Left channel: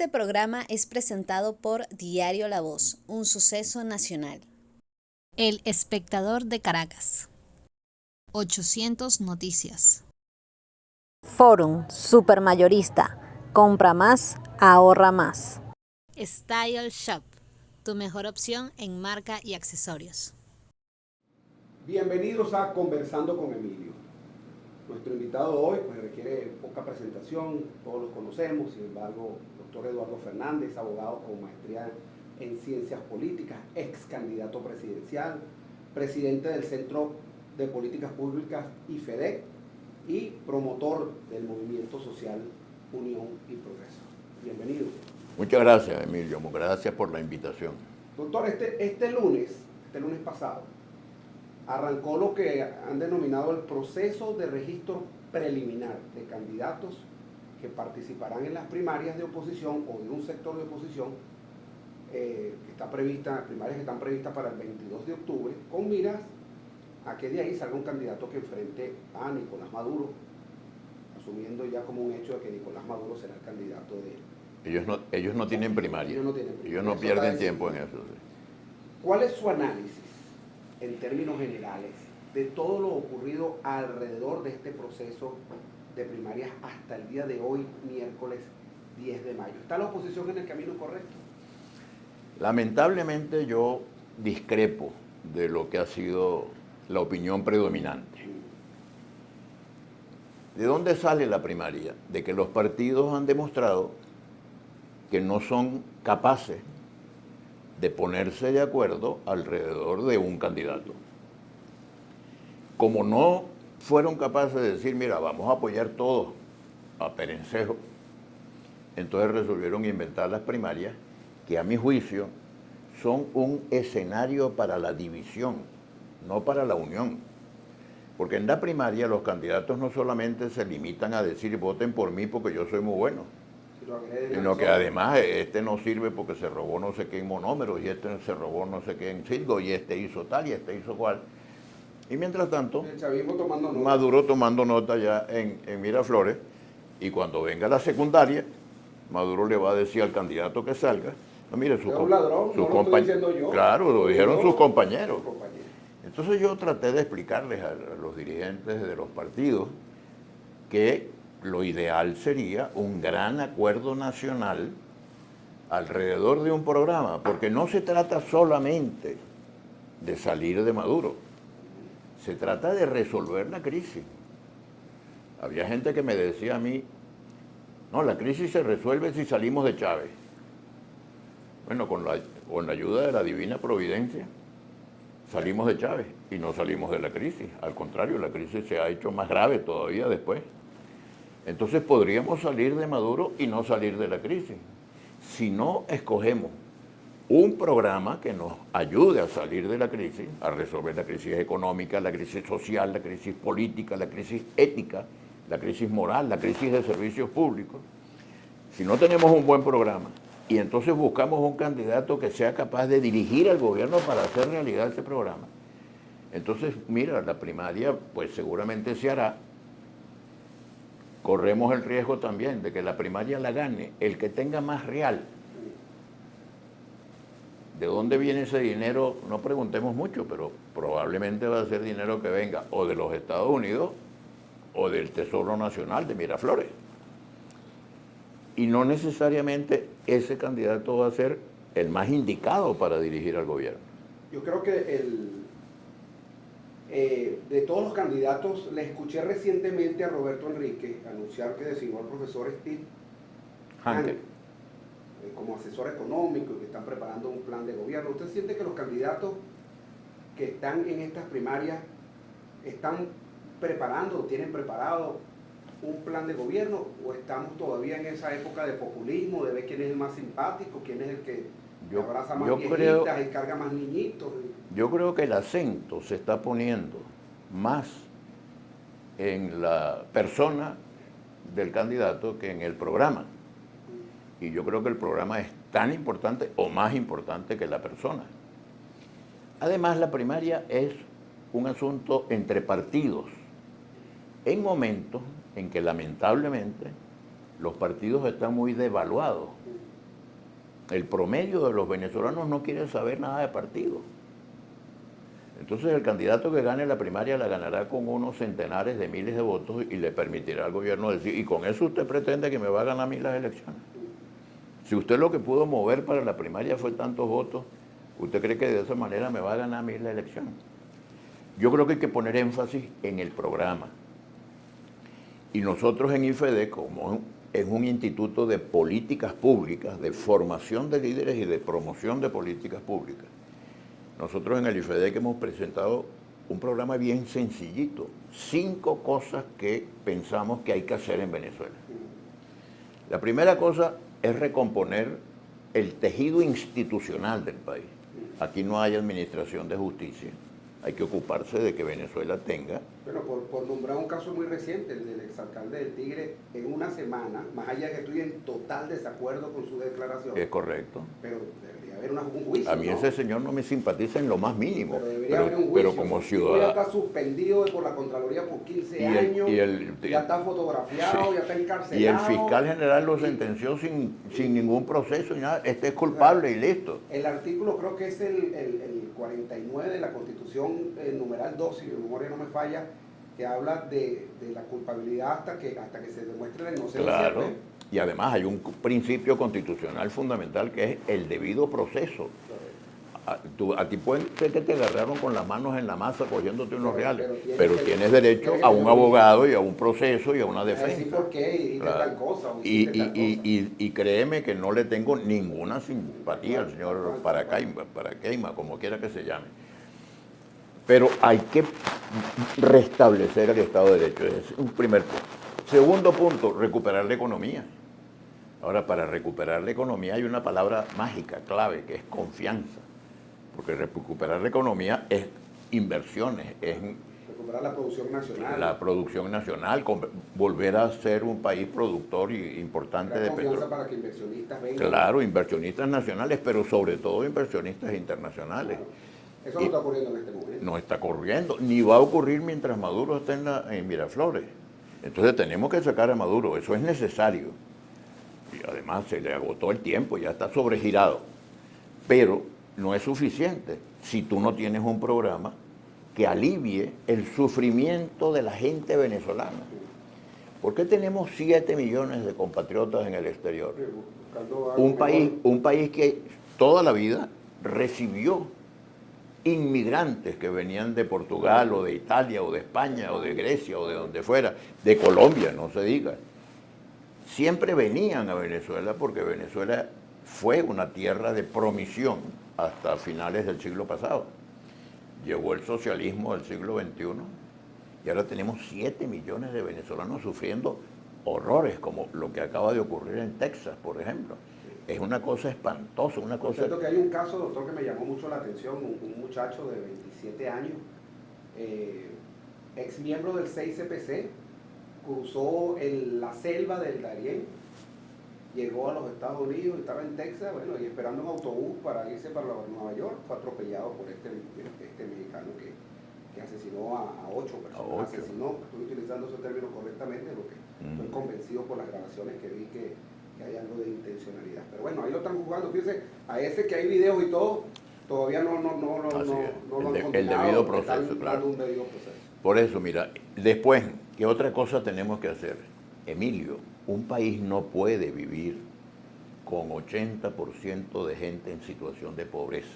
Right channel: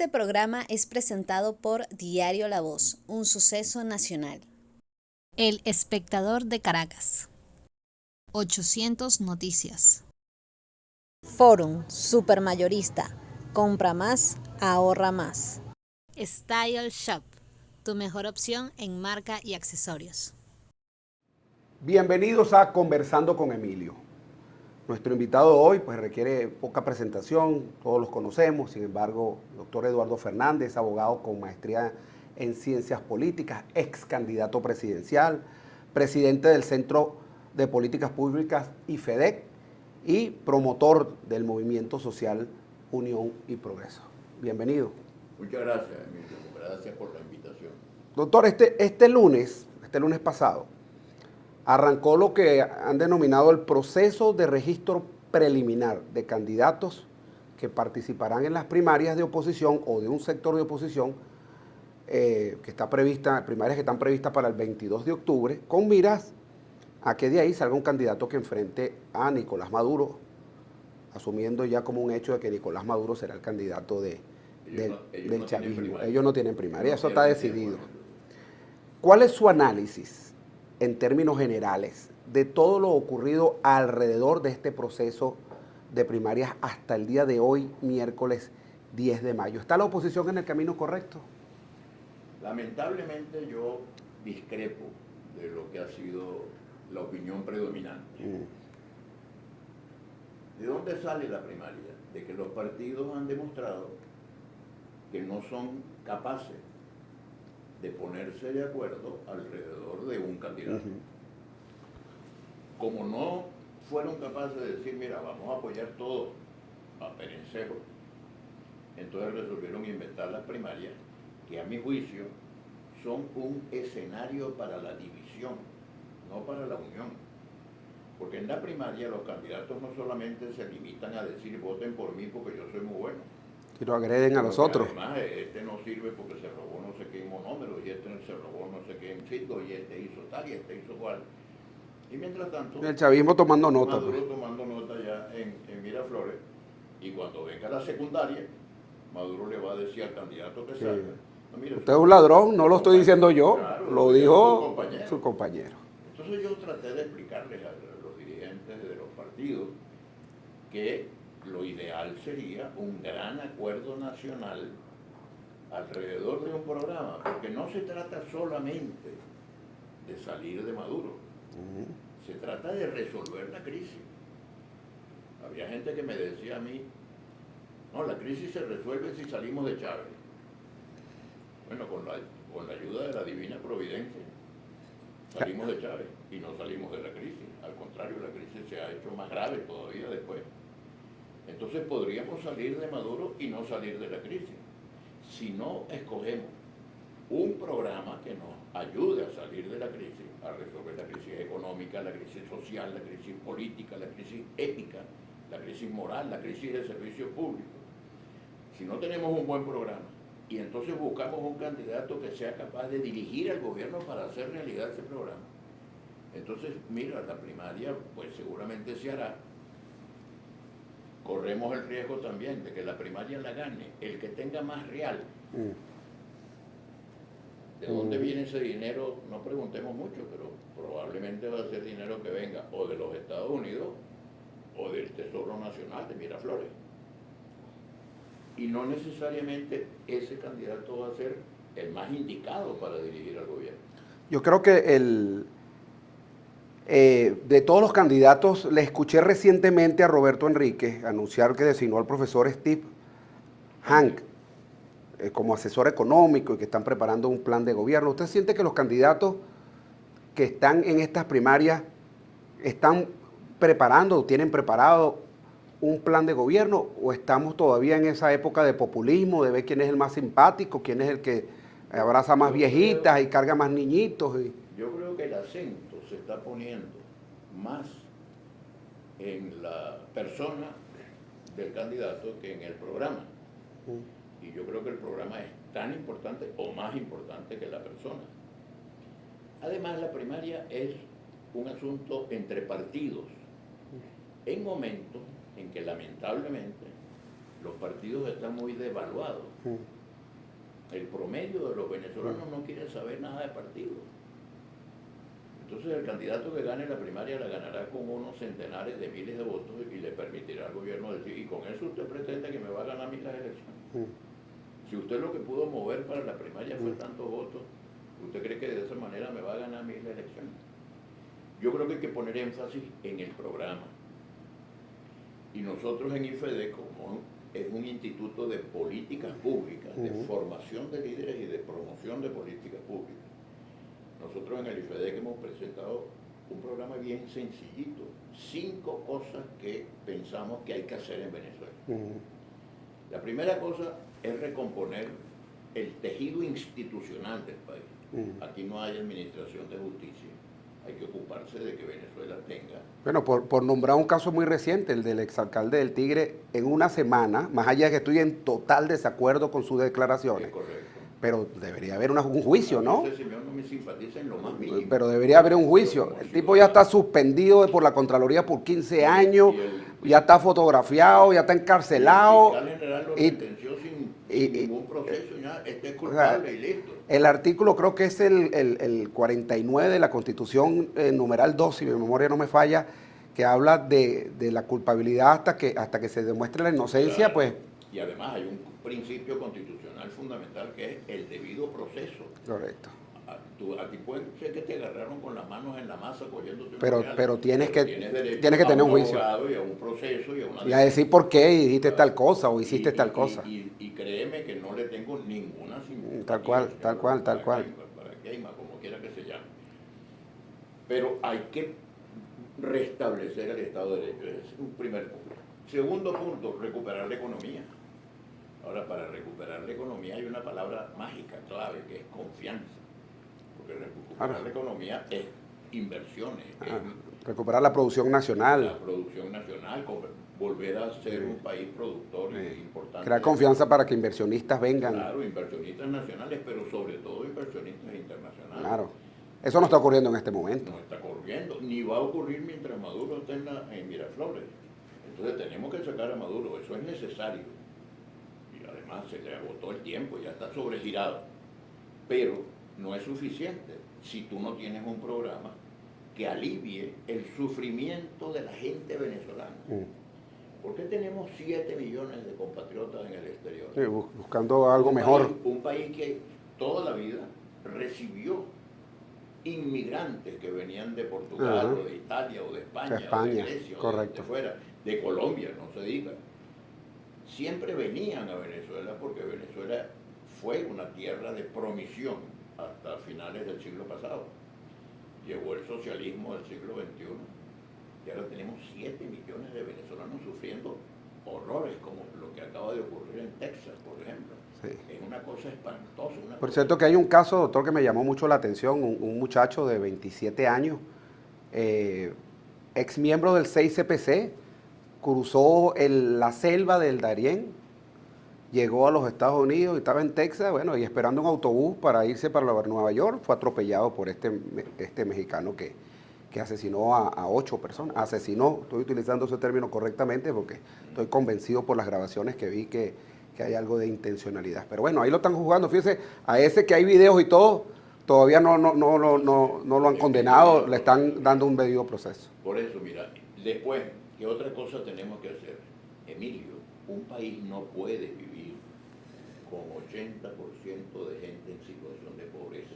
Este programa es presentado por Diario La Voz, un suceso nacional. El Espectador de Caracas. 800 Noticias. Forum Supermayorista. Compra más, ahorra más. Style Shop, tu mejor opción en marca y accesorios. Bienvenidos a Conversando con Emilio. Nuestro invitado hoy pues requiere poca presentación, todos los conocemos, sin embargo, doctor Eduardo Fernández, abogado con maestría en ciencias políticas, ex candidato presidencial, presidente del Centro de Políticas Públicas IFEDEC y promotor del movimiento social Unión y Progreso. Bienvenido. Muchas gracias, Emilio, gracias por la invitación. Doctor, este lunes pasado, arrancó lo que han denominado el proceso de registro preliminar de candidatos que participarán en las primarias de oposición o de un sector de oposición primarias que están previstas para el 22 de octubre, con miras a que de ahí salga un candidato que enfrente a Nicolás Maduro, asumiendo ya como un hecho de que Nicolás Maduro será el candidato de Ellos no tienen primaria. Ellos no tienen primaria, Ellos no eso está pierden decidido. tiempo en eso. ¿Cuál es su análisis, en términos generales, de todo lo ocurrido alrededor de este proceso de primarias hasta el día de hoy, miércoles 10 de mayo? ¿Está la oposición en el camino correcto? Lamentablemente yo discrepo de lo que ha sido la opinión predominante. ¿De dónde sale la primaria? De que los partidos han demostrado que no son capaces de ponerse de acuerdo alrededor de un candidato. Como no fueron capaces de decir, mira, vamos a apoyar todos a Perencejo, entonces resolvieron inventar las primarias, que a mi juicio son un escenario para la división, no para la unión. Porque en la primaria los candidatos no solamente se limitan a decir voten por mí porque yo soy muy bueno, Si lo agreden a sino nosotros. que además este no sirve porque se robó no sé qué en monómeros, y este se robó no sé qué en silgo, y este hizo tal, y este hizo cual. Y mientras tanto, El chavismo tomando nota. Maduro tomando nota ya en Miraflores, y cuando venga la secundaria, Maduro le va a decir al candidato que salga, no, mire, Usted es un ladrón, no lo estoy diciendo yo. Claro, lo dijeron sus compañeros. compañeros. Entonces yo traté de explicarles a los dirigentes de los partidos que lo ideal sería un gran acuerdo nacional alrededor de un programa, porque no se trata solamente de salir de Maduro, se trata de resolver la crisis. Había gente que me decía a mí, no, la crisis se resuelve si salimos de Chávez. Bueno, con la ayuda de la divina providencia, salimos de Chávez y no salimos de la crisis. Al contrario, la crisis se ha hecho más grave todavía después. Entonces podríamos salir de Maduro y no salir de la crisis. Si no escogemos un programa que nos ayude a salir de la crisis, a resolver la crisis económica, la crisis social, la crisis política, la crisis ética, la crisis moral, la crisis de servicios públicos, si no tenemos un buen programa, y entonces buscamos un candidato que sea capaz de dirigir al gobierno para hacer realidad ese programa. Entonces, mira, la primaria pues seguramente se hará. Corremos el riesgo también de que la primaria la gane el que tenga más real. ¿De dónde viene ese dinero? No preguntemos mucho, pero probablemente va a ser dinero que venga o de los Estados Unidos o del Tesoro Nacional de Miraflores. Y no necesariamente ese candidato va a ser el más indicado para dirigir al gobierno. Yo creo que de todos los candidatos, le escuché recientemente a Roberto Enríquez anunciar que designó al profesor Steve Hank como asesor económico y que están preparando un plan de gobierno. ¿Usted siente que los candidatos que están en estas primarias están preparando o tienen preparado un plan de gobierno, o estamos todavía en esa época de populismo, de ver quién es el más simpático, quién es el que abraza más viejitas y carga más niñitos? Yo creo que el acento se está poniendo más en la persona del candidato que en el programa. Y yo creo que el programa es tan importante o más importante que la persona. Además, la primaria es un asunto entre partidos, en momentos en que lamentablemente los partidos están muy devaluados. El promedio de los venezolanos no quiere saber nada de partidos. Entonces el candidato que gane la primaria la ganará con unos centenares de miles de votos y le permitirá al gobierno decir, y con eso usted pretende que me va a ganar a mí las elecciones. Si usted lo que pudo mover para la primaria fue tantos votos, ¿usted cree que de esa manera me va a ganar a mí la elección? Yo creo que hay que poner énfasis en el programa. Y nosotros en IFED, como es un instituto de políticas públicas, de formación de líderes y de promoción de políticas públicas, nosotros en el IFEDEC hemos presentado un programa bien sencillito, 5 cosas que pensamos que hay que hacer en Venezuela. La primera cosa es recomponer el tejido institucional del país. Aquí no hay administración de justicia. Hay que ocuparse de que Venezuela tenga... Bueno, por nombrar un caso muy reciente, el del exalcalde del Tigre, en una semana, más allá de que estoy en total desacuerdo con sus declaraciones. Es correcto. Pero debería haber un juicio, a mí ¿no? ese señor no me simpatiza en lo más mínimo. Pero debería haber un juicio. El tipo ya está suspendido por la Contraloría por 15 años, ya está fotografiado, sí, ya está encarcelado. Y el fiscal general lo sentenció sin ningún proceso y nada. Este es culpable y listo. El artículo creo que es el 49 de la Constitución, numeral 2, si mi memoria no me falla, que habla de la culpabilidad hasta que se demuestre la inocencia, claro. Pues. Y además hay un principio constitucional fundamental que es el debido proceso. Correcto. A ti pueden ser que te agarraron con las manos en la masa cogiéndote unos reales, pero tienes derecho que a tener un abogado y a un proceso y a una defensa. A decir por qué dijiste tal cosa o hiciste tal cosa. Y créeme que no le tengo ninguna simpatía al señor Paracaima, como quiera que se llame. Pero hay que restablecer el Estado de Derecho. Es un primer punto. Segundo punto, recuperar la economía. Ahora, para recuperar la economía hay una palabra mágica, clave, que es confianza. Porque recuperar la economía es inversiones, es recuperar la producción nacional. La producción nacional, volver a ser un país productor importante. Crear confianza para que inversionistas vengan. Claro, inversionistas nacionales, pero sobre todo inversionistas internacionales. Claro. Eso no está ocurriendo en este momento. No está ocurriendo, ni va a ocurrir mientras Maduro esté en Miraflores. Entonces tenemos que sacar a Maduro, eso es necesario. Y además se le agotó el tiempo, ya está sobregirado. Pero no es suficiente si tú no tienes un programa que alivie el sufrimiento de la gente venezolana. ¿Por qué tenemos 7 millones de compatriotas en el exterior? Sí, buscando algo mejor. Un país que toda la vida recibió inmigrantes que venían de Portugal o de Italia o de España o de Grecia o de donde fuera, de Colombia, no se diga. Siempre venían a Venezuela porque Venezuela fue una tierra de promisión hasta finales del siglo pasado. Llegó el socialismo del siglo XXI y ahora tenemos 7 millones de venezolanos sufriendo horrores como lo que acaba de ocurrir en Texas, por ejemplo. Sí. Es una cosa espantosa. Por cierto que hay un caso, doctor, que me llamó mucho la atención, un muchacho de 27 años, ex miembro del 6CPC, cruzó la selva del Darién, llegó a los Estados Unidos, estaba en Texas, bueno, y esperando un autobús para irse para Nueva York, fue atropellado por este mexicano que asesinó a 8 personas. Asesinó, estoy utilizando ese término correctamente porque estoy convencido por las grabaciones que vi que hay algo de intencionalidad. Pero bueno, ahí lo están juzgando, fíjense, a ese que hay videos y todo, todavía no lo han condenado, le están dando un debido proceso. Por eso, mira, después, ¿qué otra cosa tenemos que hacer? Emilio, un país no puede vivir con 80% de gente en situación de pobreza.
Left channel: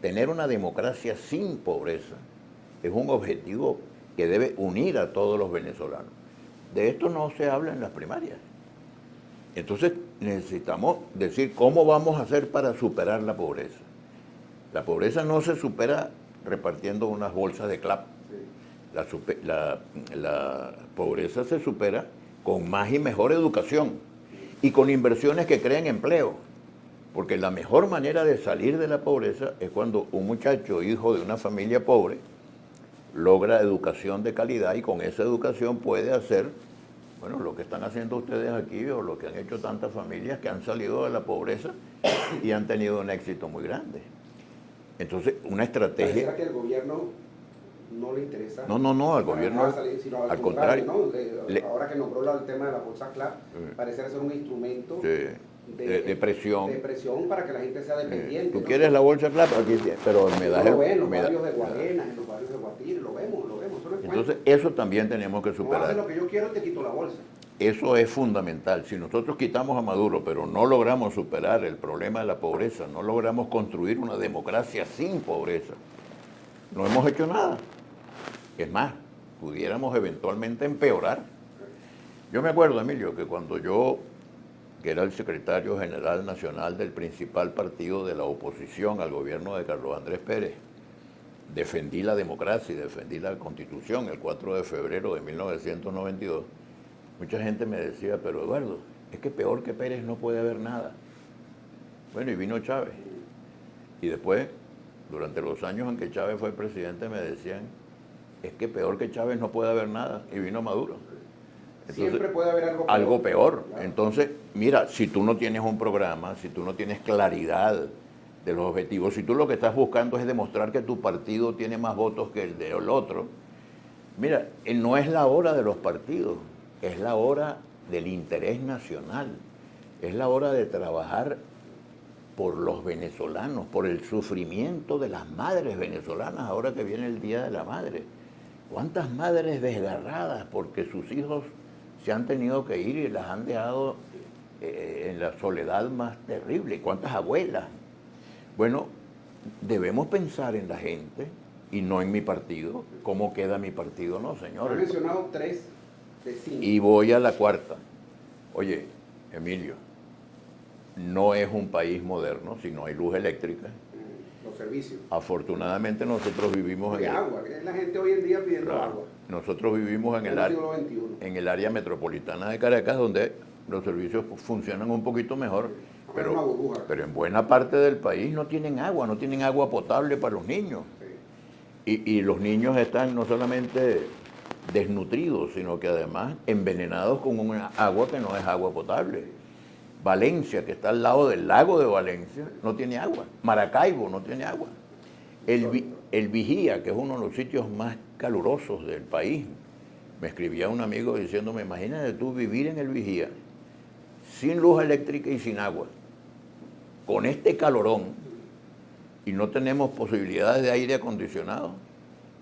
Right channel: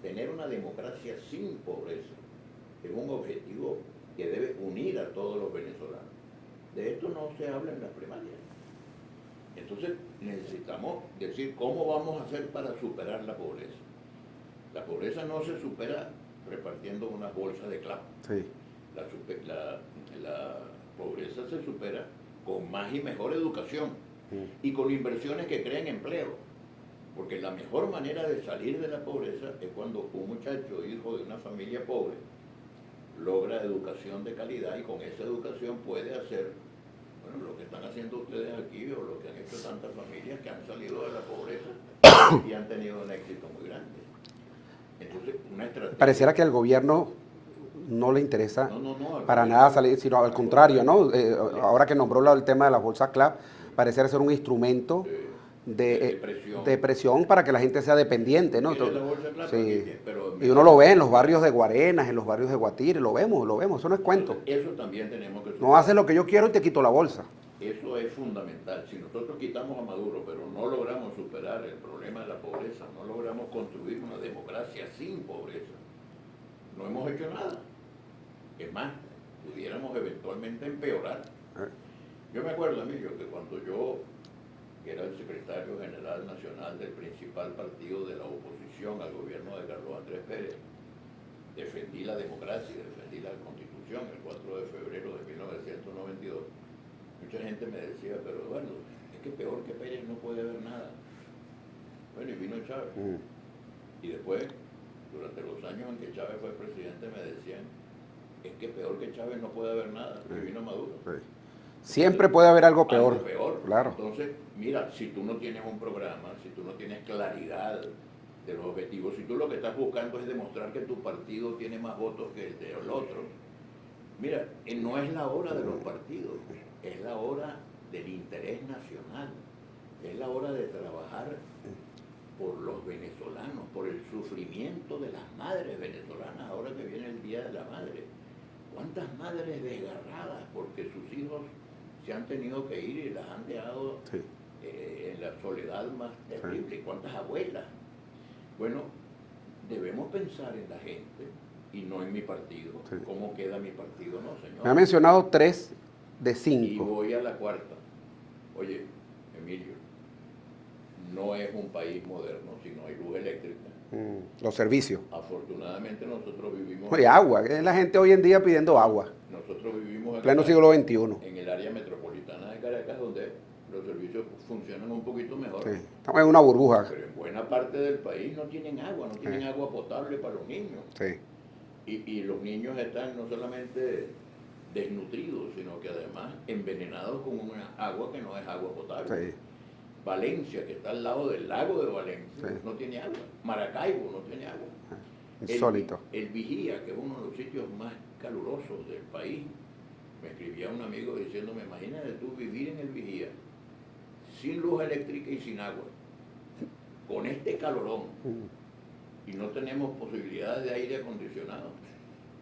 Tener una democracia sin pobreza es un objetivo que debe unir a todos los venezolanos. De esto no se habla en las primarias. Entonces necesitamos decir cómo vamos a hacer para superar la pobreza. La pobreza no se supera repartiendo unas bolsas de clap. Sí. La pobreza se supera con más y mejor educación y con inversiones que creen empleo. Porque la mejor manera de salir de la pobreza es cuando un muchacho, hijo de una familia pobre, logra educación de calidad y con esa educación puede hacer, bueno, lo que están haciendo ustedes aquí o lo que han hecho tantas familias que han salido de la pobreza y han tenido un éxito muy grande. Entonces, una estrategia... Pareciera que el gobierno no le interesa No, al para gobierno, nada salir, sino al contrario, ¿no? Le- Ahora que nombró el tema de la bolsa CLAP, parece ser un instrumento de presión. de presión para que la gente sea dependiente, ¿Tú ¿no? quieres la bolsa de plata? Aquí tiene, pero Y uno lo ve en los barrios de Guarenas, en los barrios de Guatire, lo vemos, eso no es cuento. Entonces, eso también tenemos que superar. No haces lo que yo quiero y te quito la bolsa. Eso es fundamental. Si nosotros quitamos a Maduro, pero no logramos superar el problema de la pobreza, no logramos construir una democracia sin pobreza, no hemos hecho nada. Es más, pudiéramos eventualmente empeorar. Yo me acuerdo, Emilio, que cuando yo, que era el secretario general nacional del principal partido de la oposición al gobierno de Carlos Andrés Pérez, defendí la democracia y defendí la Constitución el 4 de febrero de 1992, mucha gente me decía, pero Eduardo, es que peor que Pérez no puede haber nada. Bueno, y vino Chávez. Y después, durante los años en que Chávez fue presidente, me decían, es que peor que Chávez no puede haber nada. Y vino Maduro. Entonces, siempre puede haber algo peor. Algo peor. Claro. Entonces, mira, si tú no tienes un programa, si tú no tienes claridad de los objetivos, si tú lo que estás buscando es demostrar que tu partido tiene más votos que el del otro, mira, no es la hora de los partidos, es la hora del interés nacional, es la hora de trabajar por los venezolanos, por el sufrimiento de las madres venezolanas ahora que viene el Día de la Madre. ¿Cuántas madres desgarradas porque sus hijos se han tenido que ir y las han dejado en la soledad más terrible? ¿Cuántas abuelas? Bueno, debemos pensar en la gente y no en mi partido. ¿Cómo queda mi partido? No, señor. Me ha mencionado 3 de 5. Y voy a la cuarta. Oye, Emilio, no es un país moderno si no hay luz eléctrica. Los servicios. Afortunadamente nosotros vivimos... Oye, agua. Es la gente hoy en día pidiendo agua. Nosotros vivimos en Pleno siglo XXI. en el área metropolitana de Caracas, donde los servicios funcionan un poquito mejor. Sí. Estamos en una burbuja. Pero en buena parte del país no tienen agua potable para los niños. Sí. Y los niños están no solamente desnutridos, sino que además envenenados con una agua que no es agua potable. Sí. Valencia, que está al lado del lago de Valencia, Sí. no tiene agua. Maracaibo no tiene agua. Insólito. El Vigía, que es uno de los sitios más calurosos del país, me escribía un amigo diciéndome, imagínate tú vivir en el Vigía, sin luz eléctrica y sin agua, con este calorón, y no tenemos posibilidades de aire acondicionado,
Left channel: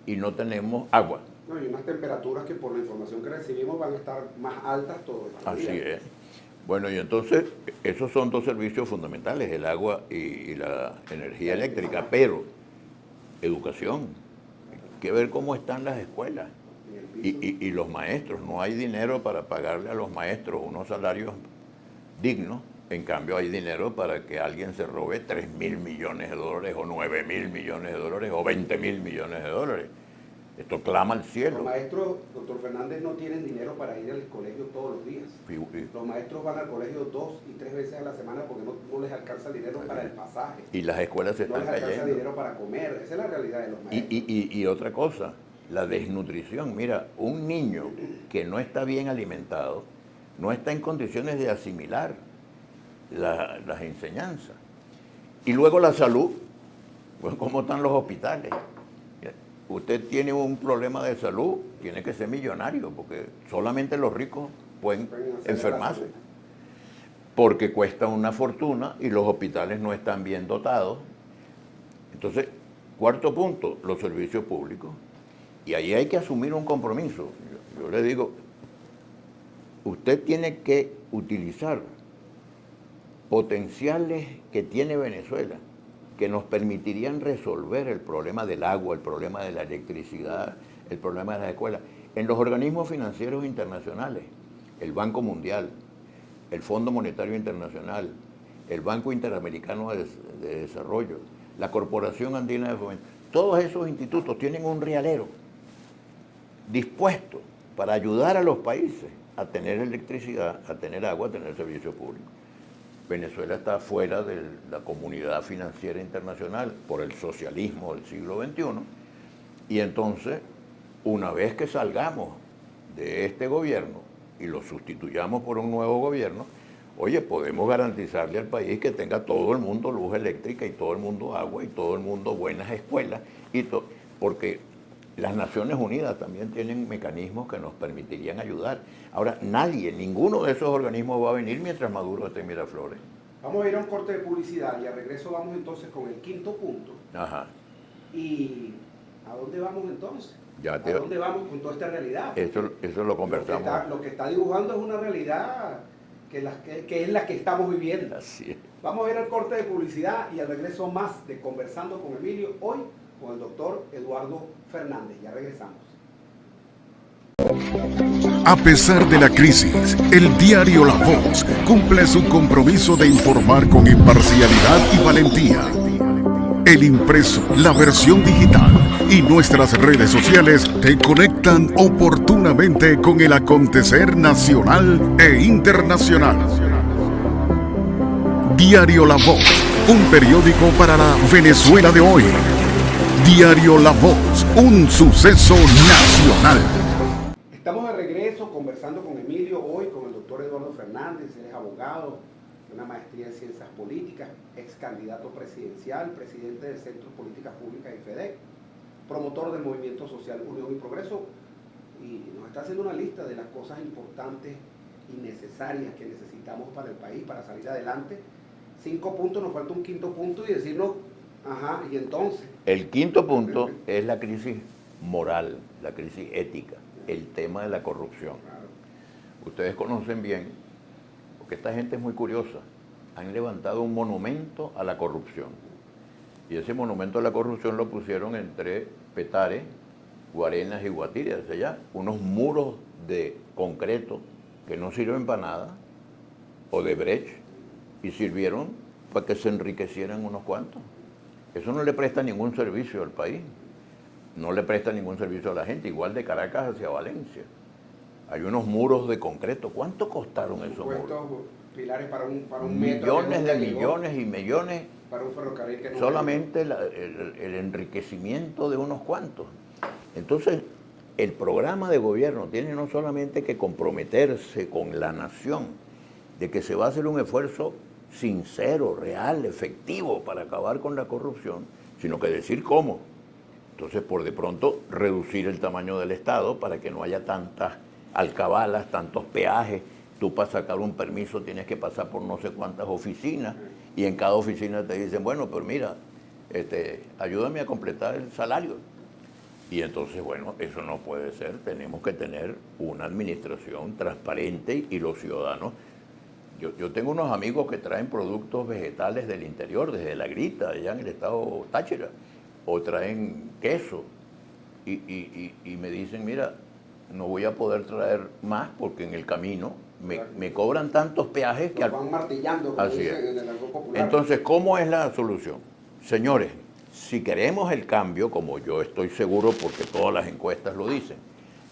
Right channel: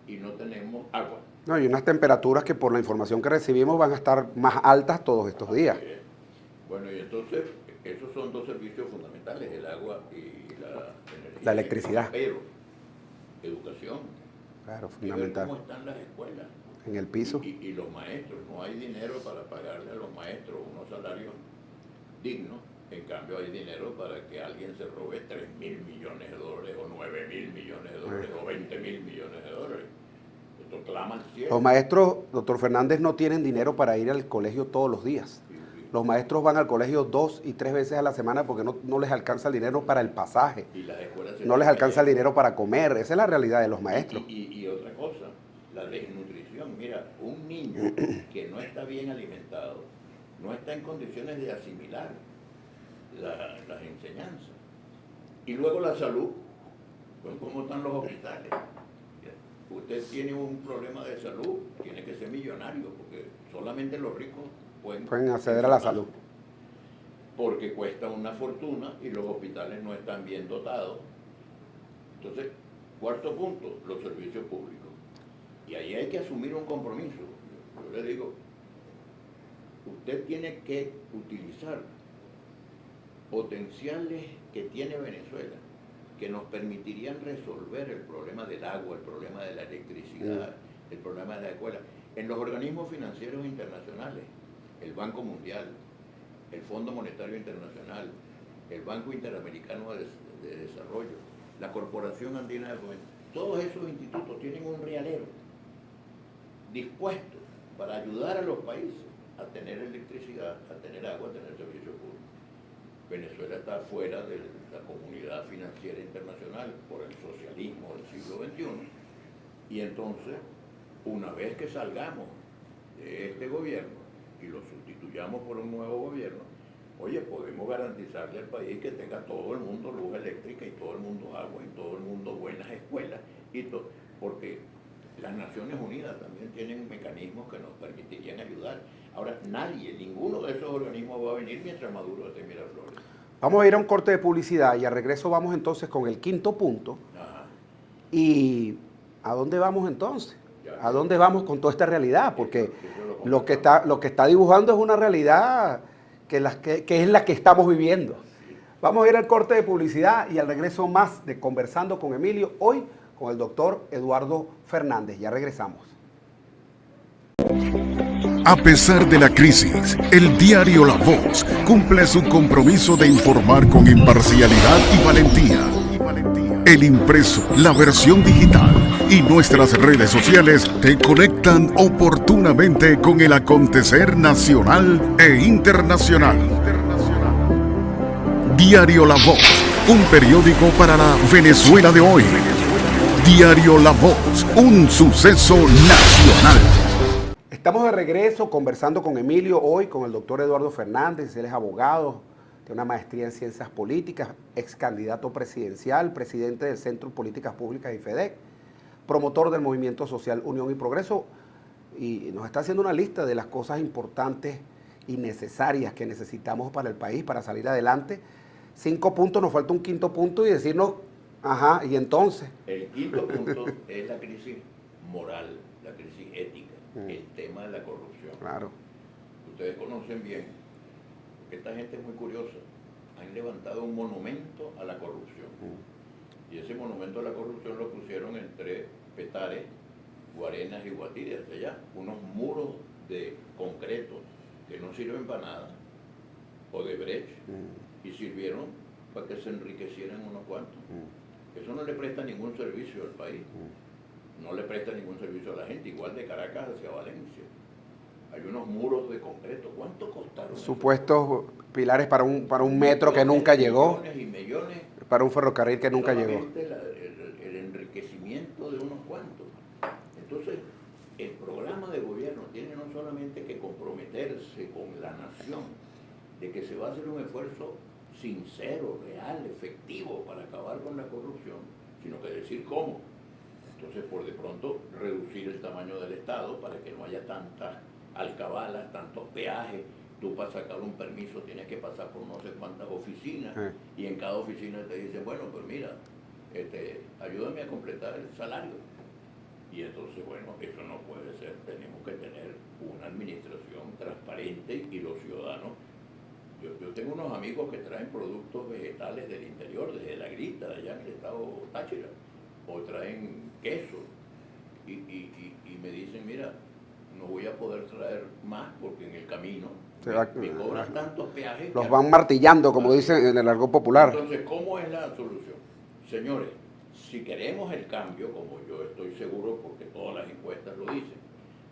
y no tenemos agua. No, y unas temperaturas que por la información que recibimos van a estar más altas todos estos Así días. es. Bueno, y entonces, esos son dos servicios fundamentales, el agua y la energía La eléctrica, electricidad. pero educación, Claro, hay que ver fundamental. cómo están las escuelas. En el piso. Y los maestros, no hay dinero para pagarle a los maestros unos salarios dignos, en cambio hay dinero para que alguien se robe 3.000 millones de dólares o 9.000 millones de dólares o 20.000 millones de dólares. Esto clama al cielo. Los maestros, doctor Fernández, no tienen dinero para ir al colegio todos los días. Los maestros van al colegio 2 y 3 veces a la semana porque no les alcanza el dinero para el pasaje. Y las escuelas se No les están alcanza el cayendo. dinero para comer. Esa es la realidad de los maestros. Y otra cosa, la desnutrición. Mira, un niño que no está bien alimentado no está en condiciones de asimilar las enseñanzas. Y luego la salud, pues cómo están los hospitales. Usted tiene un problema de salud, tiene que ser millonario, porque solamente los ricos pueden acceder a la enfermarse. salud. Porque cuesta una fortuna y los hospitales no están bien dotados. Entonces, cuarto punto, los servicios públicos. Y ahí hay que asumir un compromiso. Yo le digo, usted tiene que utilizar potenciales que tiene Venezuela, que nos permitirían resolver el problema del agua, el problema de la electricidad, el problema de las escuelas. En los organismos financieros internacionales, el Banco Mundial, el Fondo Monetario Internacional, el Banco Interamericano de Desarrollo, la Corporación Andina de Fomento, todos esos institutos tienen un realero dispuesto para ayudar a los países a tener electricidad, a tener agua, a tener servicios públicos. Venezuela está fuera de la comunidad financiera internacional por el socialismo del siglo XXI y entonces, una vez que salgamos de este gobierno y lo sustituyamos por un nuevo gobierno, oye, podemos garantizarle al país que tenga todo el mundo luz eléctrica y todo el mundo agua y todo el mundo buenas escuelas, porque Las Naciones Unidas también tienen mecanismos que nos permitirían ayudar. Ahora, ninguno de esos organismos va a venir mientras Maduro esté en Miraflores. Vamos a ir a un corte de publicidad y al regreso vamos entonces con el quinto punto. Ajá. ¿Y a dónde vamos entonces? Ya ¿A dónde vamos con toda esta realidad? Porque eso lo que está dibujando es una realidad que es la que estamos viviendo. Sí. Vamos a ir al corte de publicidad y al regreso más de Conversando con Emilio, hoy con el doctor Eduardo Fernández. Ya regresamos. A pesar de la crisis, el diario La Voz cumple su compromiso de informar con imparcialidad y valentía. El impreso, la versión digital y nuestras redes sociales te conectan oportunamente con el acontecer nacional e internacional. Diario La Voz, un periódico para la Venezuela de hoy. Diario La Voz, un suceso nacional. Estamos de regreso conversando con Emilio, hoy con el doctor Eduardo Fernández. Él es abogado, tiene una maestría en ciencias políticas, ex candidato presidencial, presidente del Centro de Políticas Públicas y FEDEC, promotor del movimiento social Unión y Progreso, y nos está haciendo una lista de las cosas importantes y necesarias que necesitamos para el país, para salir adelante. 5 puntos, nos falta un quinto punto y decirnos, ajá, y entonces. El quinto punto es la crisis moral, la crisis ética, el tema de la corrupción. Claro. Ustedes conocen bien, porque esta gente es muy curiosa, han levantado un monumento a la corrupción. Y ese monumento a la corrupción lo pusieron entre Petare, Guarenas y Guatire, hacia allá, unos muros de concreto que no sirven para nada, o de Brecht, y sirvieron para que se enriquecieran unos cuantos. Eso no le presta ningún servicio al país, no le presta ningún servicio a la gente, igual de Caracas hacia Valencia. Hay unos muros de concreto. ¿Cuánto costaron esos supuestos muros? Pilares para un metro que nunca llegó. Millones y millones. Para un ferrocarril que nunca llegó. Solamente el enriquecimiento de unos cuantos. Entonces, el programa de gobierno tiene no solamente que comprometerse con la nación, de que se va a hacer un esfuerzo sincero, real, efectivo para acabar con la corrupción, sino que decir cómo. Entonces, por de pronto, reducir el tamaño del Estado para que no haya tantas alcabalas, tantos peajes. Tú para sacar un permiso tienes que pasar por no sé cuántas oficinas y en cada oficina te dicen, bueno, pero mira, ayúdame a completar el salario. Y entonces, bueno, eso no puede ser. Tenemos que tener una administración transparente y los ciudadanos. Yo tengo unos amigos que traen productos vegetales del interior, desde La Grita, allá en el estado Táchira, o traen queso, y me dicen, mira, no voy a poder traer más porque en el camino me cobran tantos peajes que los van martillando, como dicen en el argot popular. Entonces, ¿cómo es la solución? Señores, si queremos el cambio, como yo estoy seguro porque todas las encuestas lo dicen,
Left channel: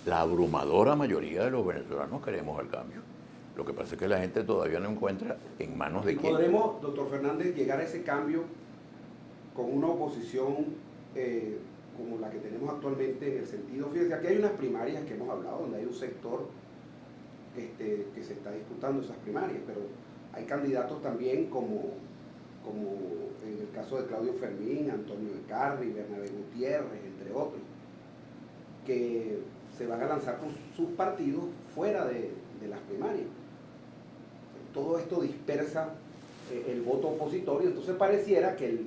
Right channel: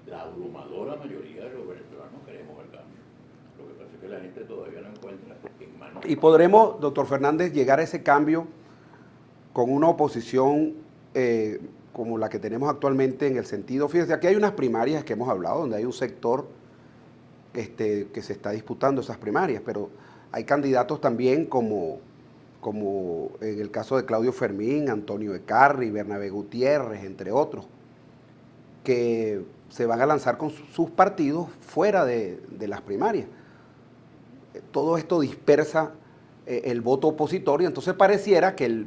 la abrumadora mayoría de los venezolanos queremos el cambio. Lo que pasa es que la gente todavía no encuentra en manos de... ¿Y podremos, doctor Fernández, llegar a ese cambio con una oposición como la que tenemos actualmente en el sentido? Fíjense, aquí hay unas primarias que hemos hablado, donde hay un sector que se está disputando esas primarias, pero hay candidatos también como en el caso de Claudio Fermín, Antonio Ecarri, Bernabé Gutiérrez, entre otros, que se van a lanzar con sus partidos fuera de las primarias. Todo esto dispersa el voto opositorio, entonces pareciera que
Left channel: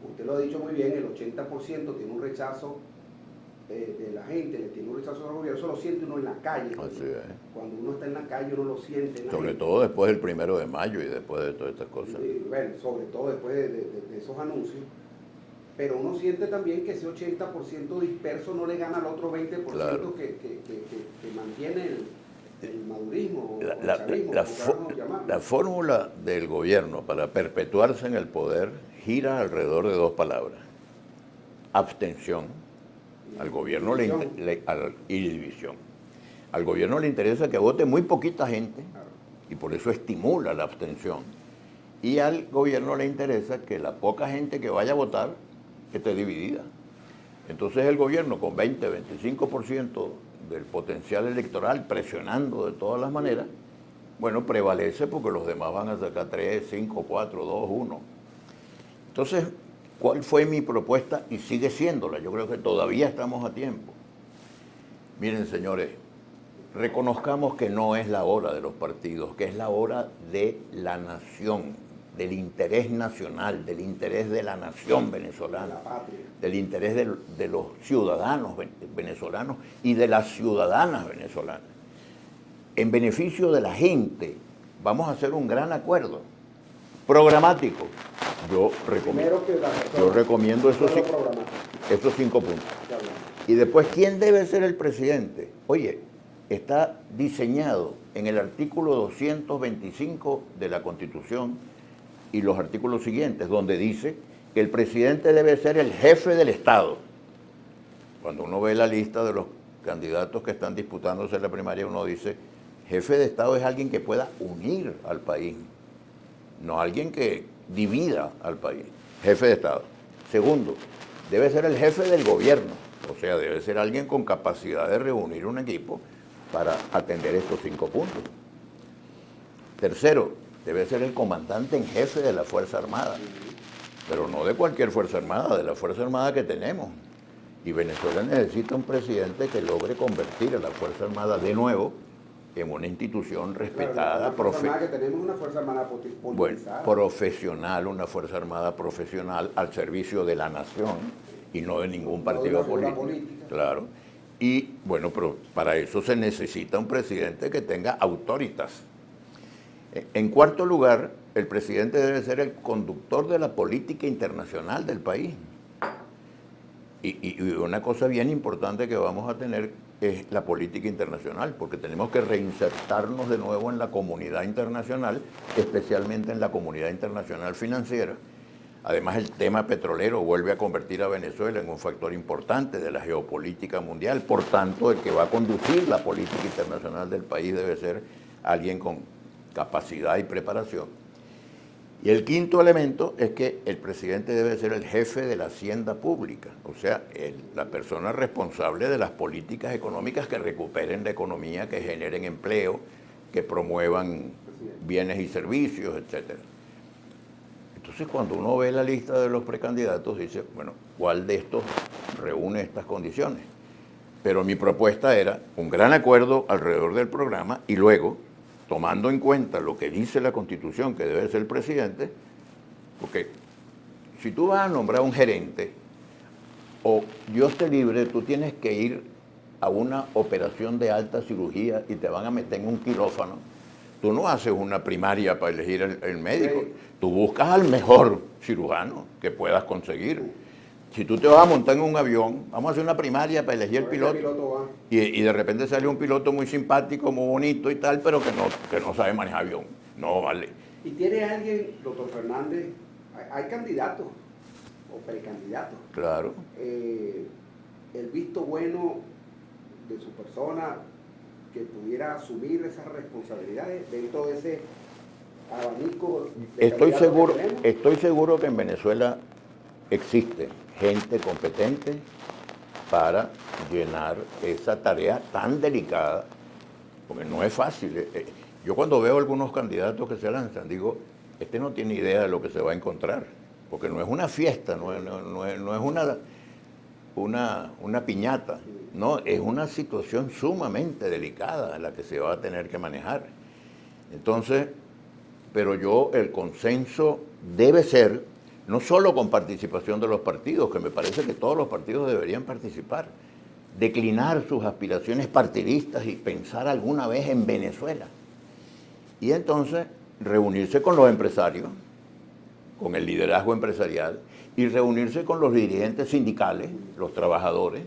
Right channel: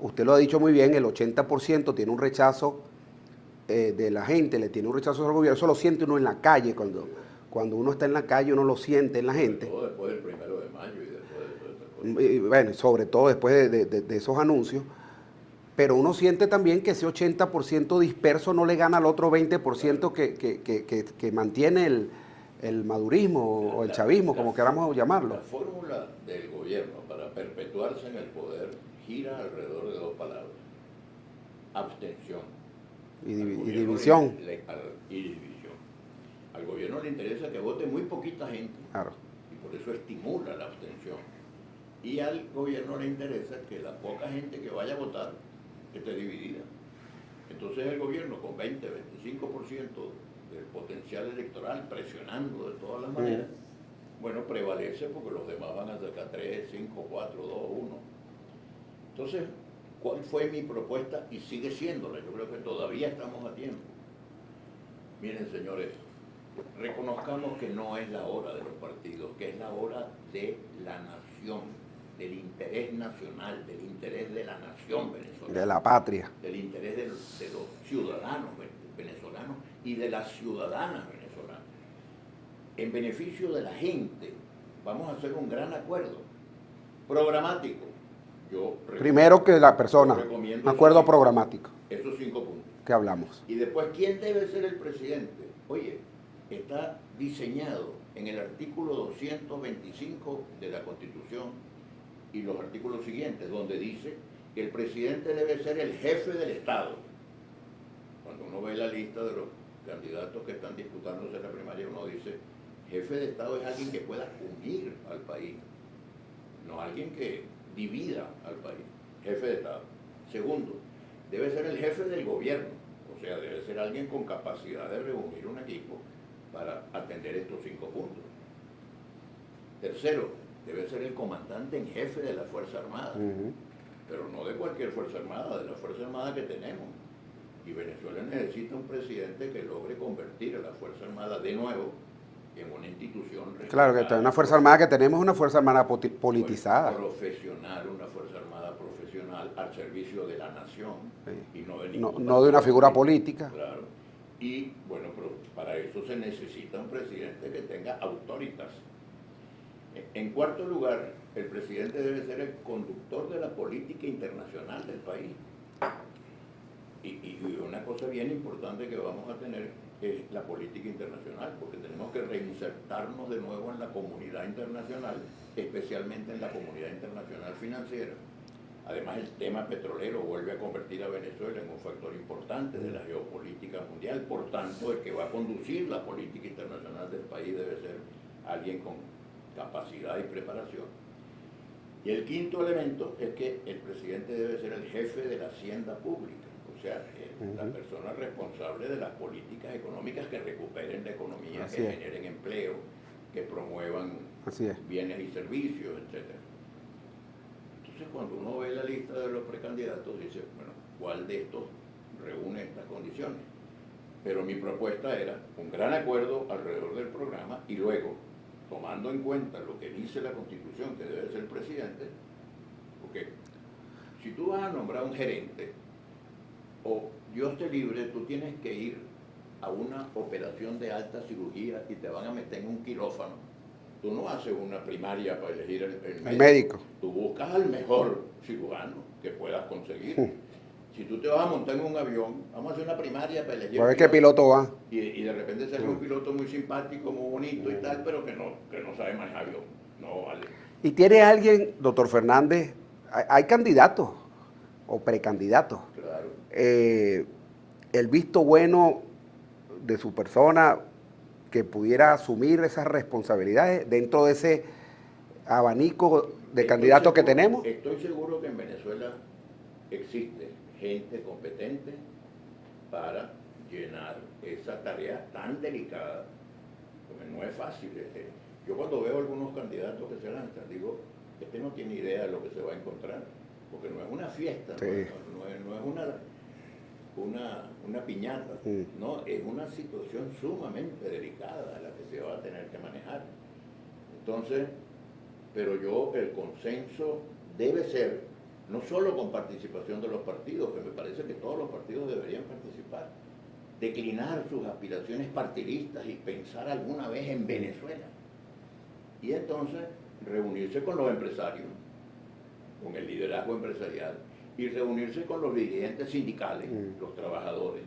usted lo ha dicho muy bien, el 80% tiene un rechazo de la gente, le tiene un rechazo al gobierno. Eso lo siente uno en la calle, cuando uno está en la calle uno lo siente en la gente. Sobre todo después del 1 de mayo y después de todas estas cosas. Y, bueno, sobre todo después de esos anuncios. Pero uno siente también que ese 80% disperso no le gana al otro 20% claro, que mantiene el madurismo o el chavismo, como queramos llamarlo. La fórmula del gobierno para perpetuarse en el poder gira alrededor de 2 palabras: abstención al gobierno y división. Al gobierno le interesa que vote muy poquita gente, claro, y por eso estimula la abstención. Y al gobierno le interesa que la poca gente que vaya a votar esté dividida. Entonces el gobierno con 20-25% del potencial electoral presionando de todas las maneras, bueno, prevalece porque los demás van a sacar 3, 5, 4, 2, 1. Entonces, ¿Cuál fue mi propuesta? Y sigue siéndola. Yo creo que todavía estamos a tiempo. Miren, señores, reconozcamos que no es la hora de los partidos, que es la hora de la nación, del interés nacional, del interés de la nación venezolana. De la patria. Del interés de los ciudadanos venezolanos y de las ciudadanas venezolanas. En beneficio de la gente, vamos a hacer un gran acuerdo programático. Primero que la persona. Yo recomiendo un acuerdo programático. Estos 5 puntos. Que hablamos. Y después, ¿quién debe ser el presidente? Oye, está diseñado en el artículo 225 de la Constitución y los artículos siguientes, donde dice que el presidente debe ser el jefe del Estado. Cuando uno ve la lista de los candidatos que están disputándose en la primaria, uno dice, jefe de Estado es alguien que pueda unir al país, no alguien que divida al país. Jefe de Estado. Segundo, debe ser el jefe del gobierno, o sea, debe ser alguien con capacidad de reunir un equipo para atender estos 5 puntos. Tercero, debe ser el comandante en jefe de la Fuerza Armada, pero no de cualquier Fuerza Armada, de la Fuerza Armada que tenemos. Y Venezuela necesita un presidente que logre convertir a la Fuerza Armada de nuevo en una institución respetada. Claro, que una Fuerza Armada que tenemos es una Fuerza Armada politizada. Bueno, profesional, una Fuerza Armada profesional al servicio de la nación y no de ningún partido. No de una figura política. Claro. Y bueno, pero para eso se necesita un presidente que tenga autoritas. En cuarto lugar, el presidente debe ser el conductor de la política internacional del país. Y una cosa bien importante que vamos a tener es la política internacional, porque tenemos que reinsertarnos de nuevo en la comunidad internacional, especialmente en la comunidad internacional financiera. Además, el tema petrolero vuelve a convertir a Venezuela en un factor importante de la geopolítica mundial. Por tanto, el que va a conducir la política internacional del país debe ser alguien con capacidad y preparación. Y el quinto elemento es que el presidente debe ser el jefe de la hacienda pública, o sea, la persona responsable de las políticas económicas que recuperen la economía, que generen empleo, que promuevan bienes y servicios, etc. Entonces, cuando uno ve la lista de los precandidatos, dice, bueno, ¿cuál de estos reúne estas condiciones? Pero mi propuesta era un gran acuerdo alrededor del programa y luego, tomando en cuenta lo que dice la Constitución, que debe ser el presidente, porque si tú vas a nombrar un gerente, o Dios te libre, tú tienes que ir a una operación de alta cirugía y te van a meter en un quirófano, tú no haces una primaria para elegir el médico. Tú buscas al mejor cirujano que puedas conseguir. Si tú te vas a montar en un avión, vamos a hacer una primaria para elegir el piloto. ¿Qué piloto va? Y de repente sale un piloto muy simpático, muy bonito y tal, pero que no sabe manejar avión. No vale. ¿Y tiene alguien, doctor Fernández, hay candidatos o precandidatos? Claro. El visto bueno de su persona que pudiera asumir esas responsabilidades dentro de ese abanico de candidatos que tenemos? Estoy seguro que en Venezuela existe gente competente para llenar esa tarea tan delicada, porque no es fácil. Yo cuando veo algunos candidatos que se lanzan, digo, este no tiene idea de lo que se va a encontrar, porque no es una fiesta, no es una piñata, no, es una situación sumamente delicada en la que se va a tener que manejar. Entonces, pero el consenso debe ser no solo con participación de los partidos, que me parece que todos los partidos deberían participar, declinar sus aspiraciones partidistas y pensar alguna vez en Venezuela. Y entonces reunirse con los empresarios, con el liderazgo empresarial, y reunirse con los dirigentes sindicales, los trabajadores,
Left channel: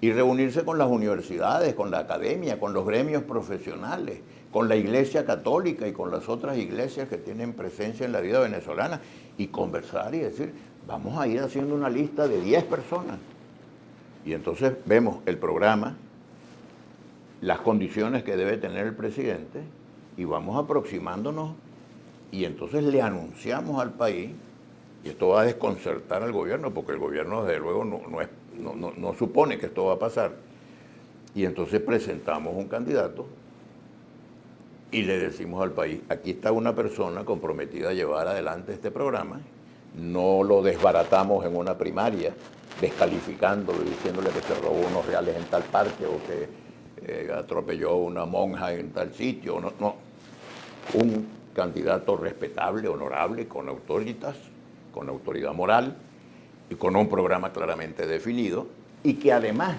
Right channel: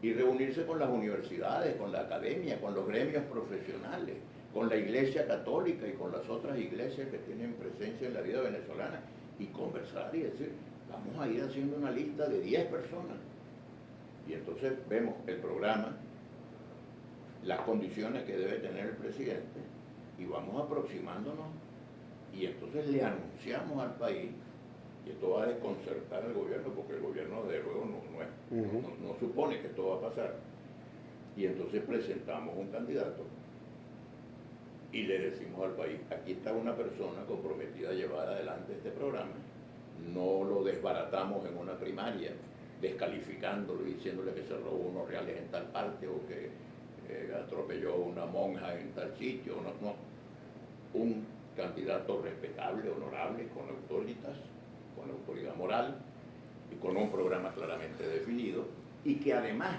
y reunirse con las universidades, con la academia, con los gremios profesionales, con la Iglesia Católica y con las otras iglesias que tienen presencia en la vida venezolana, y conversar y decir, vamos a ir haciendo una lista de 10 personas. Y entonces vemos el programa, las condiciones que debe tener el presidente, y vamos aproximándonos, y entonces le anunciamos al país, y esto va a desconcertar al gobierno, porque el gobierno desde luego no supone que esto va a pasar. Y entonces presentamos un candidato y le decimos al país, aquí está una persona comprometida a llevar adelante este programa, no lo desbaratamos en una primaria, descalificándolo y diciéndole que se robó unos reales en tal parque o que atropelló a una monja en tal sitio. No, no. Un candidato respetable, honorable, con autoridad moral y con un programa claramente definido y que además,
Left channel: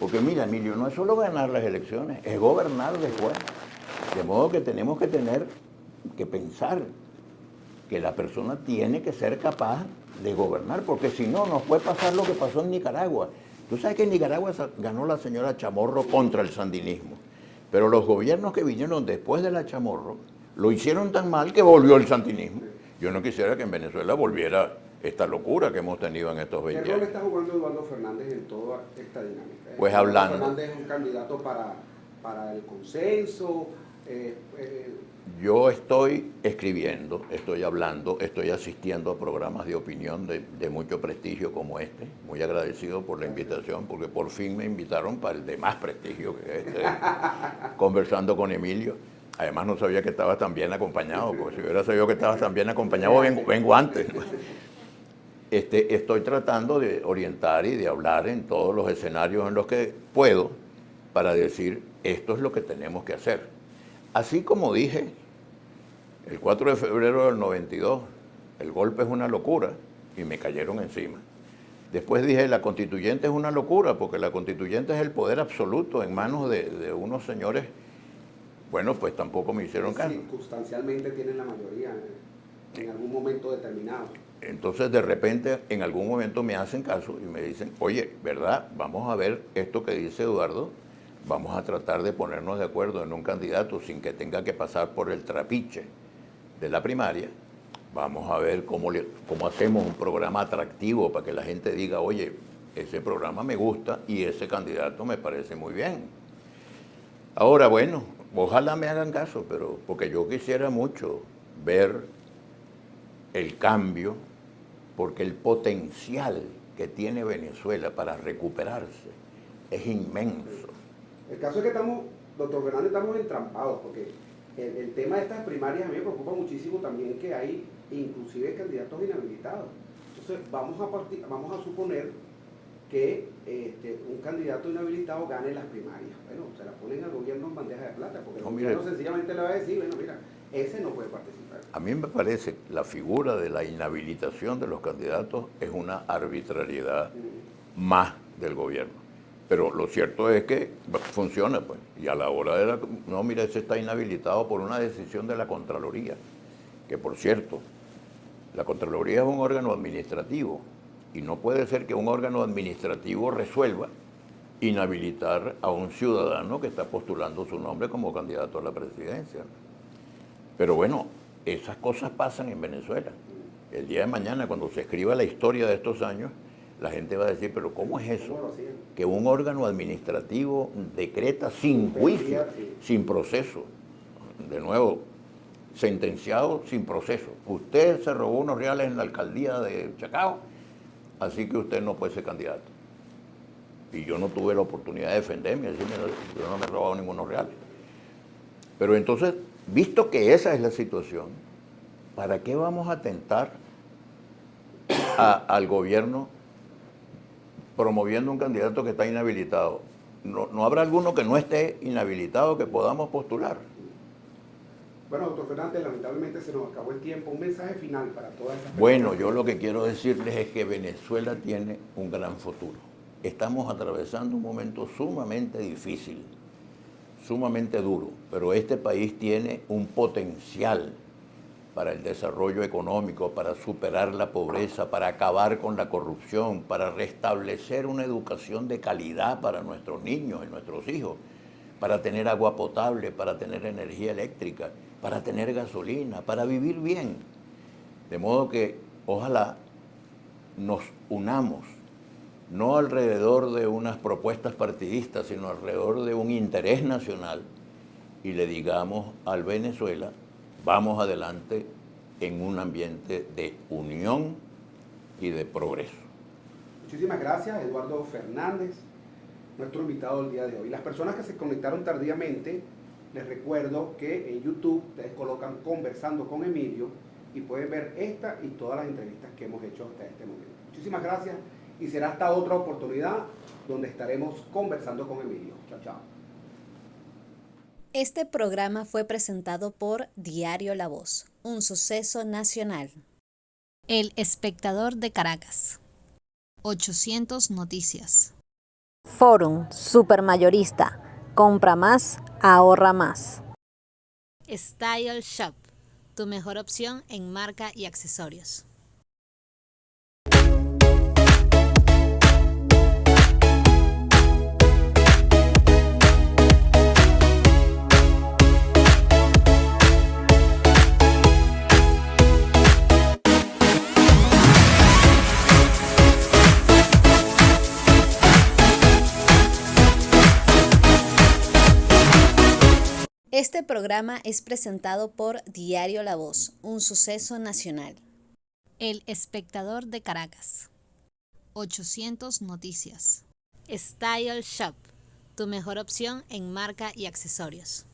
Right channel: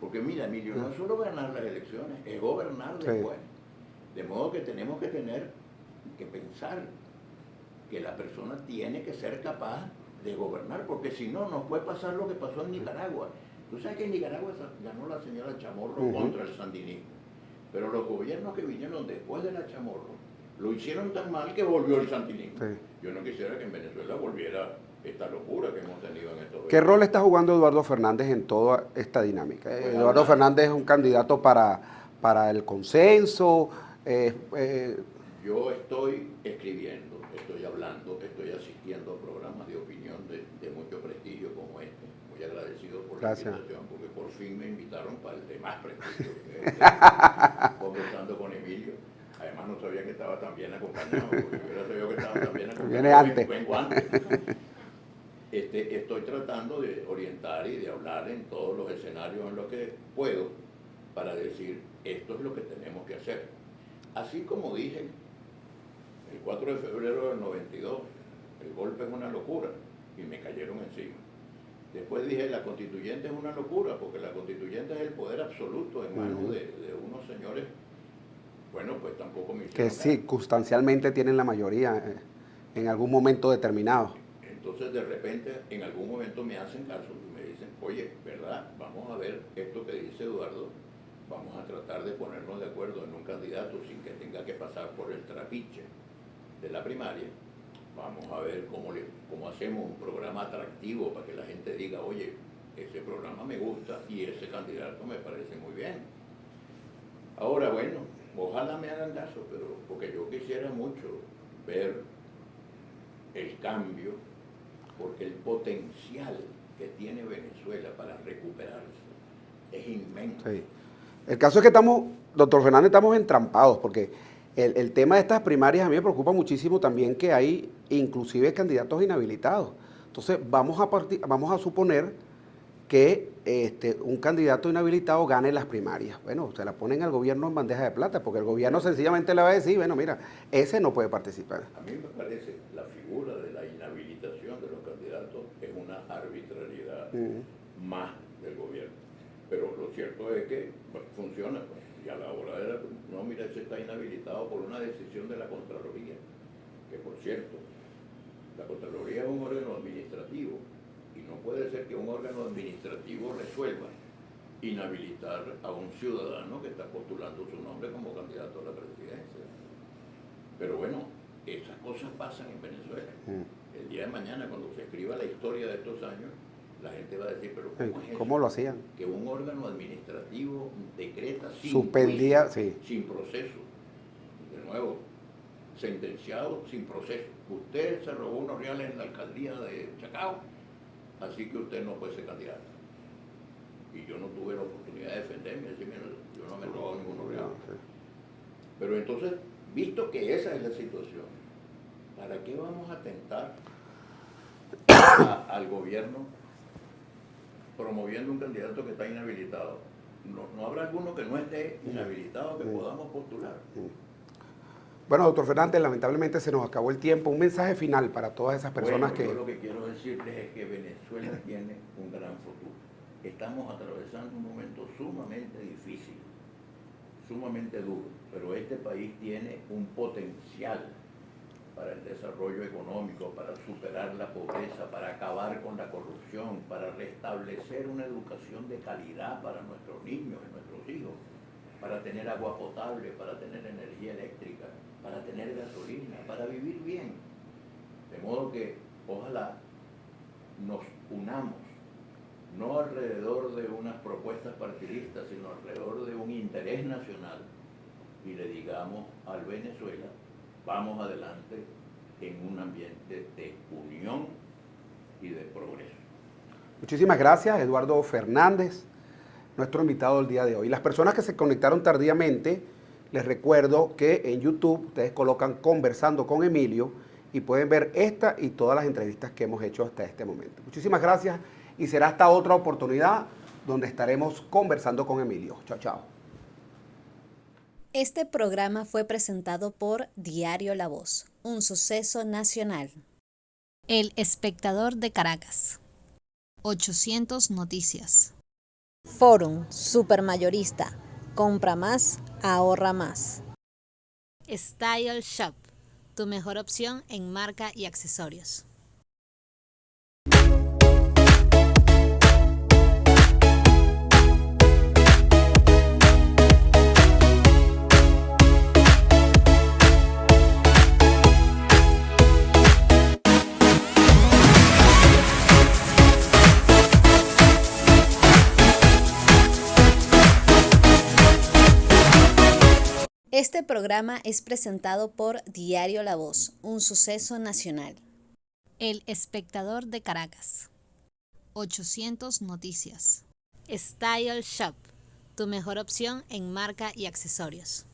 porque mira, Emilio, no es solo ganar las elecciones, es gobernar después. De modo que tenemos que pensar que la persona tiene que ser capaz de gobernar, porque si no, nos puede pasar lo que pasó en Nicaragua. Tú sabes que en Nicaragua ganó la señora Chamorro contra el sandinismo, pero los gobiernos que vinieron después de la Chamorro lo hicieron tan mal que volvió el sandinismo. Sí. Yo no quisiera que en Venezuela volviera esta locura que hemos tenido en estos 20 ¿Qué rol años. está jugando Eduardo Fernández en toda esta dinámica? Pues Eduardo Fernández es un candidato para el consenso. Yo estoy escribiendo, estoy hablando, estoy asistiendo a programas de opinión de mucho prestigio como este. Muy agradecido por la invitación, porque por fin me invitaron para el de más prestigio que es conversando con Emilio. Además no sabía que estabas tan bien acompañado, porque si hubiera sabido que estabas tan bien acompañado, vengo antes. Estoy tratando de orientar y de hablar en todos los escenarios en los que puedo para decir esto es lo que tenemos que hacer. Así como dije el 4 de febrero del 92, el golpe es una locura y me cayeron encima. Después dije la constituyente es una locura porque la constituyente es el poder absoluto en manos de unos señores. Bueno, pues tampoco me hicieron caso. Circunstancialmente tienen la mayoría en algún momento determinado. Entonces, de repente, en algún momento me hacen caso y me dicen, oye, ¿verdad? Vamos a ver esto que dice Eduardo, vamos a tratar de ponernos de acuerdo en un candidato sin que tenga que pasar por el trapiche de la primaria. Vamos a ver cómo hacemos un programa atractivo para que la gente diga, oye, ese programa me gusta y ese candidato me parece muy bien. Ahora, bueno, ojalá me hagan caso, pero porque yo quisiera mucho ver el cambio, porque el potencial que tiene Venezuela para recuperarse es inmenso. Sí. El caso es que doctor Fernández, estamos entrampados, porque el tema de estas primarias a mí me preocupa muchísimo también que hay inclusive candidatos inhabilitados. Entonces vamos a suponer que un candidato inhabilitado gane las primarias. Bueno, se la ponen al gobierno en bandeja de plata, porque el gobierno sencillamente le va a decir, bueno, mira, ese no puede participar. A mí me parece que la figura de la inhabilitación de los candidatos es una arbitrariedad más del gobierno. Pero lo cierto es que funciona, pues. Y a la hora de no, mira, ese está inhabilitado por una decisión de la Contraloría, que por cierto, la Contraloría es un órgano administrativo, y no puede ser que un órgano administrativo resuelva inhabilitar a un ciudadano que está postulando su nombre como candidato a la presidencia. Pero bueno, esas cosas pasan en Venezuela. El día de mañana, cuando se escriba la historia de estos años, la gente va a decir, pero ¿cómo es eso? ¿Cómo lo hacían? Que un órgano administrativo decreta sin juicio, sin proceso. De nuevo, sentenciado sin proceso. Usted se robó unos reales en la alcaldía de Chacao, así que usted no puede ser candidato. Y yo no tuve la oportunidad de defenderme, decirme, yo no me he robado ningunos reales. Pero entonces, visto que esa es la situación, ¿para qué vamos a tentar al gobierno promoviendo un candidato que está inhabilitado? ¿No habrá alguno que no esté inhabilitado que podamos postular? Bueno, doctor Fernández, lamentablemente se nos acabó el tiempo. Un mensaje final para todas esas personas. Bueno, yo lo que quiero decirles es que Venezuela tiene un gran futuro. Estamos atravesando un momento sumamente difícil, sumamente duro, pero este país tiene un potencial para el desarrollo económico, para superar la pobreza, para acabar con la corrupción, para restablecer una educación de calidad para nuestros niños y nuestros hijos, para tener agua potable, para tener energía eléctrica, para tener gasolina, para vivir bien. De modo que ojalá nos unamos, no alrededor de unas propuestas partidistas, sino alrededor de un interés nacional y le digamos al Venezuela, vamos adelante en un ambiente de unión y de progreso. Muchísimas gracias, Eduardo Fernández, nuestro invitado del día de hoy. Las personas que se conectaron tardíamente, les recuerdo que en YouTube ustedes colocan Conversando con Emilio y pueden ver esta y todas las entrevistas que hemos hecho hasta este momento. Muchísimas gracias y será hasta otra oportunidad donde estaremos conversando con Emilio. Chao, chao. Este programa fue presentado por Diario La Voz, un suceso nacional. El Espectador de Caracas. 800 Noticias. Forum Supermayorista. Compra más, ahorra más. Style Shop, tu mejor opción en marca y accesorios. Este programa es presentado por Diario La Voz, un suceso nacional. El Espectador de Caracas. 800 Noticias. Style Shop, tu mejor opción en marca y accesorios.